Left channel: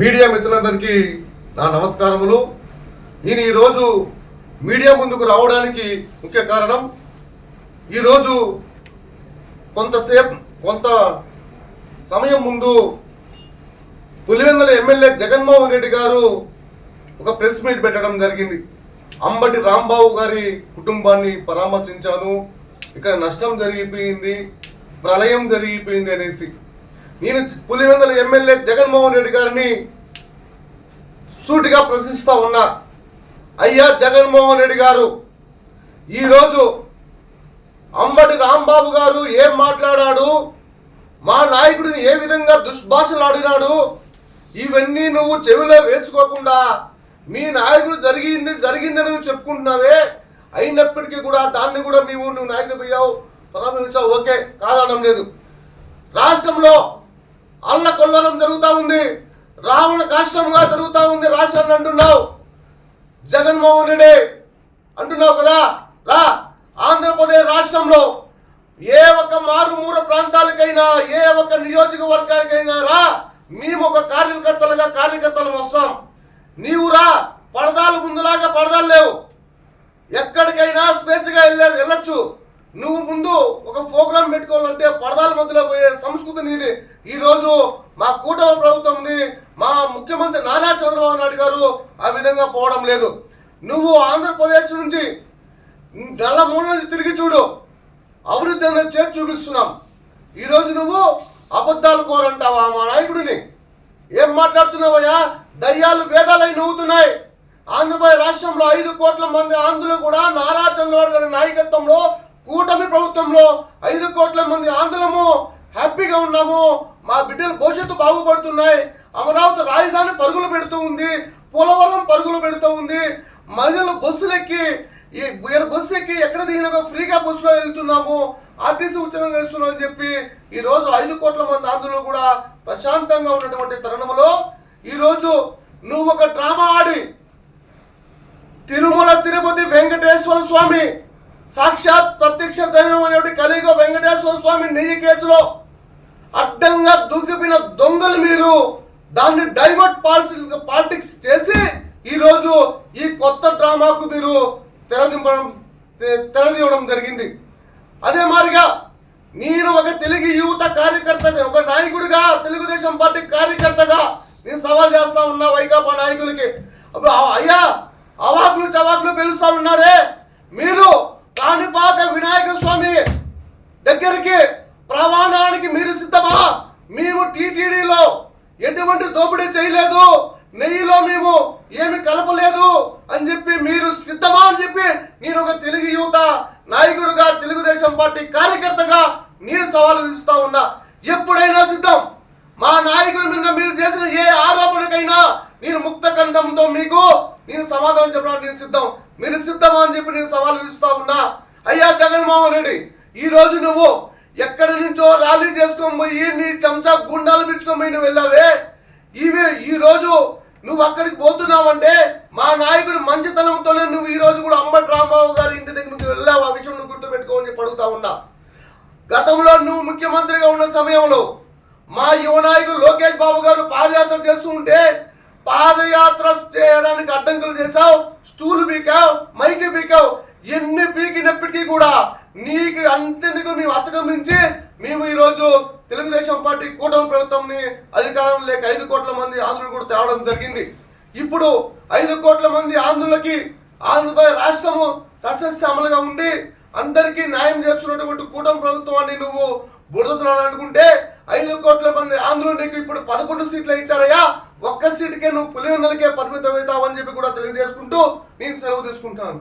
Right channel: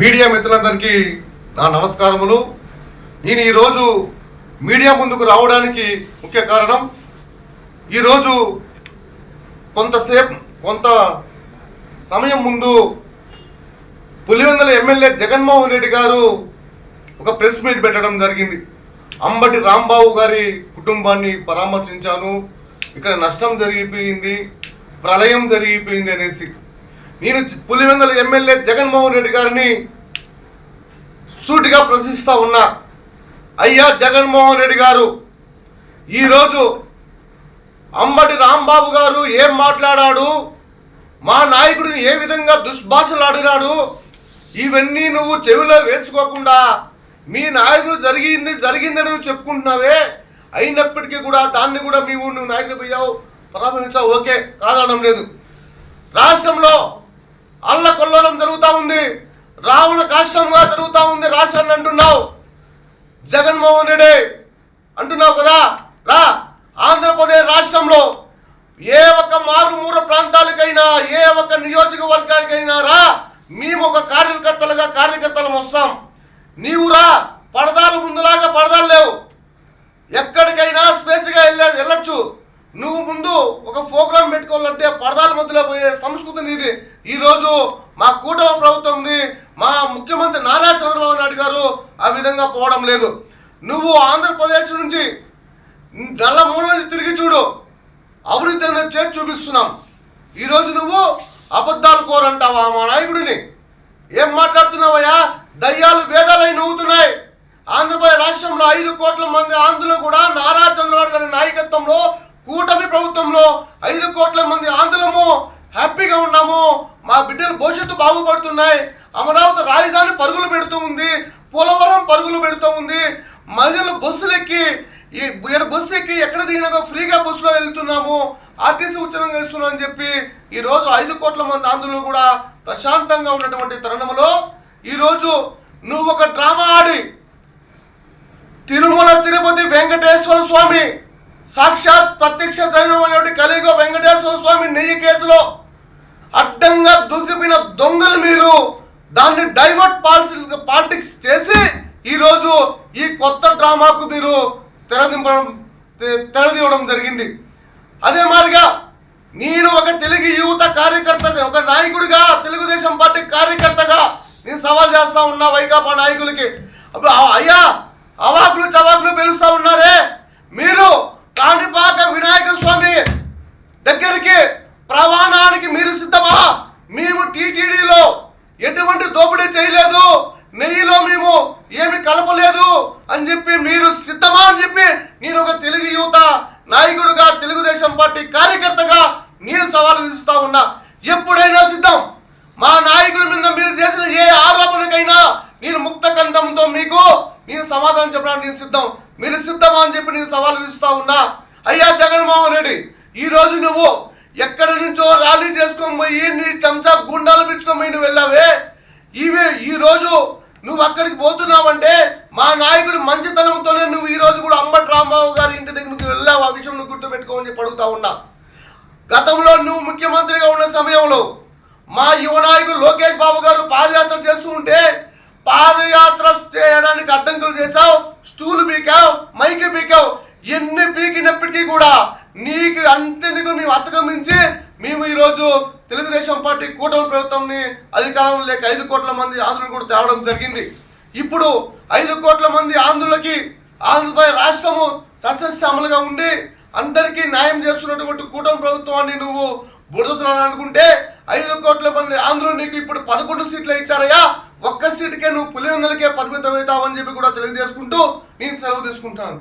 Media మిత్రులందరికీ నా నమస్కారములు. నేను ఈరోజు మీడియా ముందుకు రావడానికి ముఖ్య కారణం, ఈరోజు కొంత సమయం ముందు పులివెందుల ఎమ్మెల్యే జగన్మోహన్ రెడ్డి గారు ఒక ప్రెస్ మీట్ పెట్టడం జరిగింది. అంబటి రాంబాబు గారి కుటుంబాన్ని పరామర్శించాను, ఇక్కడ నష్టం జరిగిపోయింది, ప్రళయం జరిగిపోయింది అనేసి. నేను పులివెందుల ఎమ్మెల్యే జగన్మోహన్ రెడ్డి గారిని సూటిగా ప్రశ్నిస్తా ఉన్నా, అయ్యా జగన్మోహన్ రెడ్డి గారు, ఈరోజు అంబటి రాంబాబు గారు ఏం మాట్లాడాడు, మా నాయకుడిని ఏ విధంగా దుష్భాషలు ఆడినాడు, ఇవన్నీ నువ్వు చెవిలో వేసుకోకుండా మీ నాయకుడు జరిగిందని నువ్వు చెప్పుకుంటున్నావే. అయినప్పటికీ కూడా దాన్ని కూడా నువ్వు నాయకుడు పోయావు, పరామర్శించావు, ఓకే, కాదనడం లేదు. రాష్ట్రంలో అల్లకొల్లడం జరుగుతూ ఉంది, రావణ కాష్టంగా జరుగుతూ ఉంది రాష్ట్రాన్ని అంటున్నావు. జగన్మోహన్ రెడ్డి అంటున్నావు కదా, రా ఆంధ్రప్రదేశ్ రాష్ట్రంలో ఏ ఒక్క మారుమూల ప్రాంతాలకైనా ఏ ఒక్క నియోజకవర్గానికైనా రా, మేము ఒక కార్యకర్తలు వస్తాం. నీవు రా, పడదాలు ముందులాగా పడదాలు లేవు, ఎక్కడికైనా స్వేచ్ఛగా వెళ్ళొచ్చు. నువ్వు ముందు ఒక ప్రోగ్రాం పెట్టుకోవాలంటే పడదాల మధ్యలో పోయే సంస్కృతి నీది. ఈరోజు మా కూటమి ప్రభుత్వం ఉంది, మా ముఖ్యమంత్రి నారా చంద్రబాబు నాయుడు గారు ఆ విధంగా పోవడం లేదు. నువ్వు ఆంధ్రప్రదేశ్ నుంచి నల్లమూల నుంచి తిరిగి చూడు, అభివృద్ధి అనేది చేసి చూపిస్తున్నాం. ఈరోజు నువ్వు అబద్ధాలు కోరంటావా మా నాయకుడిని? ఏం మాట్లాడుతున్నావయ్యా? దయ్యాలు వేదాలై నవ్వుతున్నాయి. ఆంధ్రప్రదేశ్ రాష్ట్రంలో 5 కోట్ల మంది ఆంధ్రులు కూడా నారా చంద్రబాబు గారి నాయకత్వంలో కూటమి ప్రభుత్వంలో 5 కోట్ల మంది ఆంధ్రులము హ్యాపీగా ఉన్నాము. మా బిడ్డల భవిష్యత్తు బాగుపడుతున్నాయి. అమరావతి రాజధాని పరుగులు పెడుతూ ఉంది, పోలవరం పరుగులు పెడుతూ ఉంది. మహిళలు బస్సులు ఎక్కి ఎక్కడ దిగినా ఫ్రీగా బస్సులో వెళ్తున్నాము, ఆర్టీసీ ఉచితంగా ఇస్తున్నాం అని చెప్పి ఈరోజు 5 కోట్ల మంది ఆంధ్రులు కూడా ప్రశాంతంగా ఉన్నటువంటి తరుణంలో ఈరోజు నువ్వు ఒక డ్రామా ఆడి తిరుమల తిరుపతి వెంకటేశ్వర స్వామి సాక్షాత్ ప్రత్యక్ష దైవమైనటువంటి కలియుగ వెంకటేశ్వర స్వామి నెయ్యి కేసులో అడ్డంగా దూకిపోయిన దొంగలు మీరు దాన్ని డైవర్ట్ పాలిటిక్స్ చేసి ఈరోజు ఈ కొత్త డ్రామాకు మీరు తెరదీయడం జరిగింది. అదే మాదిరిగా నేను ఒక తెలుగు యువత కార్యకర్తగా, ఒక నాయకుడిగా, తెలుగుదేశం పార్టీ కార్యకర్తగా నేను సవాల్ చేస్తా ఉన్నా వైకాపా నాయకులకి. అయ్యా అవాకులు చవాకులు పిలుస్తా ఉన్నారే, మీరు కాణిపాక వినాయక స్వామి దగ్గరికి ప్రవాణానికి మీరు సిద్ధమా? మేము టీటీడీలో ఎటువంటి దోపిడీ చేయలేదు, నెయ్యిలో మేము ఏమి కలపలేదు అని చెప్పి మీరు సిద్ధమా అని చెప్పి నేను ఒక తెలుగు యువత నాయకుడిగా, తెలుగుదేశం పార్టీ కార్యకర్తగా నేను సవాలు విసురుస్తా ఉన్నా. ఎప్పుడైనా సిద్ధం. మా నాయకుడి మీద మీరు చేసిన ఏ ఆరోపణకైనా నేను ముక్త కంఠంతో మీకు నేను సమాధానం చెప్పడానికి నేను సిద్ధం. మీరు సిద్ధమా అని చెప్పి నేను సవాల్ విసురుస్తా ఉన్నా. అయ్యా జగన్మోహన్ రెడ్డి, ఈరోజు నువ్వు ఎక్కడి నుంచో ర్యాలీ చేసుకొని పోయి నీ చెంచా గుండాలు పిచ్చుకొని పోయి నువ్వు వెళ్ళావే. ఈరోజు నువ్వు అక్కడికి పోతున్నావంటే మా నాయకుడు మంచితనంతోనే నువ్వు ఈరోజు కూడా అంబటి రాంబాబు గారి ఇంటి దగ్గరికి వెళ్ళావు. ఆ విషయం నువ్వు గుర్తుపెట్టుకోని చెప్పి అడుగుతా ఉన్నా. గతంలో నువ్వు ముఖ్యమంత్రిగా ఉన్న సమయంలో మా యువ నాయకుడు లోకేష్ బాబు గారు పాదయాత్ర చేస్తూ ఉంటే పాదయాత్ర చేయడానికి అడ్డంకులు చేశావు, స్టూలు పీకావు, మైకి పీకావు. ఎన్ని పీకినప్పటికీ కూడా నీకు అంతెందుకు మేము అతగమించి మేము ఈరోజు తెలుగుదేశం పార్టీ కూటమి ప్రభుత్వంని అధికారం లేక 5 కోట్ల మంది ఆంధ్రులు కూడా తేవడం జరిగింది. ఇప్పుడు 5 కోట్ల మంది ఆంధ్రులకి ఆంధ్రప్రదేశ్ రాష్ట్రము సస్యశ్యామలుగా ఉండి అందరికీ న్యాయం చేస్తున్నటువంటి కూటమి ప్రభుత్వాన్ని నువ్వు బురదనుకుంటే 5 కోట్ల మంది ఆంధ్రులు నీకు ఇప్పుడు 11 సీట్లు ఇచ్చారయ్యా. ఒక్క సీటుకే నువ్వు పులివెందులకే పరిమితం అవుతావని చెప్పి కూడా తెలియజేసుకుంటూ నేను సెలవు తీసుకుంటాను.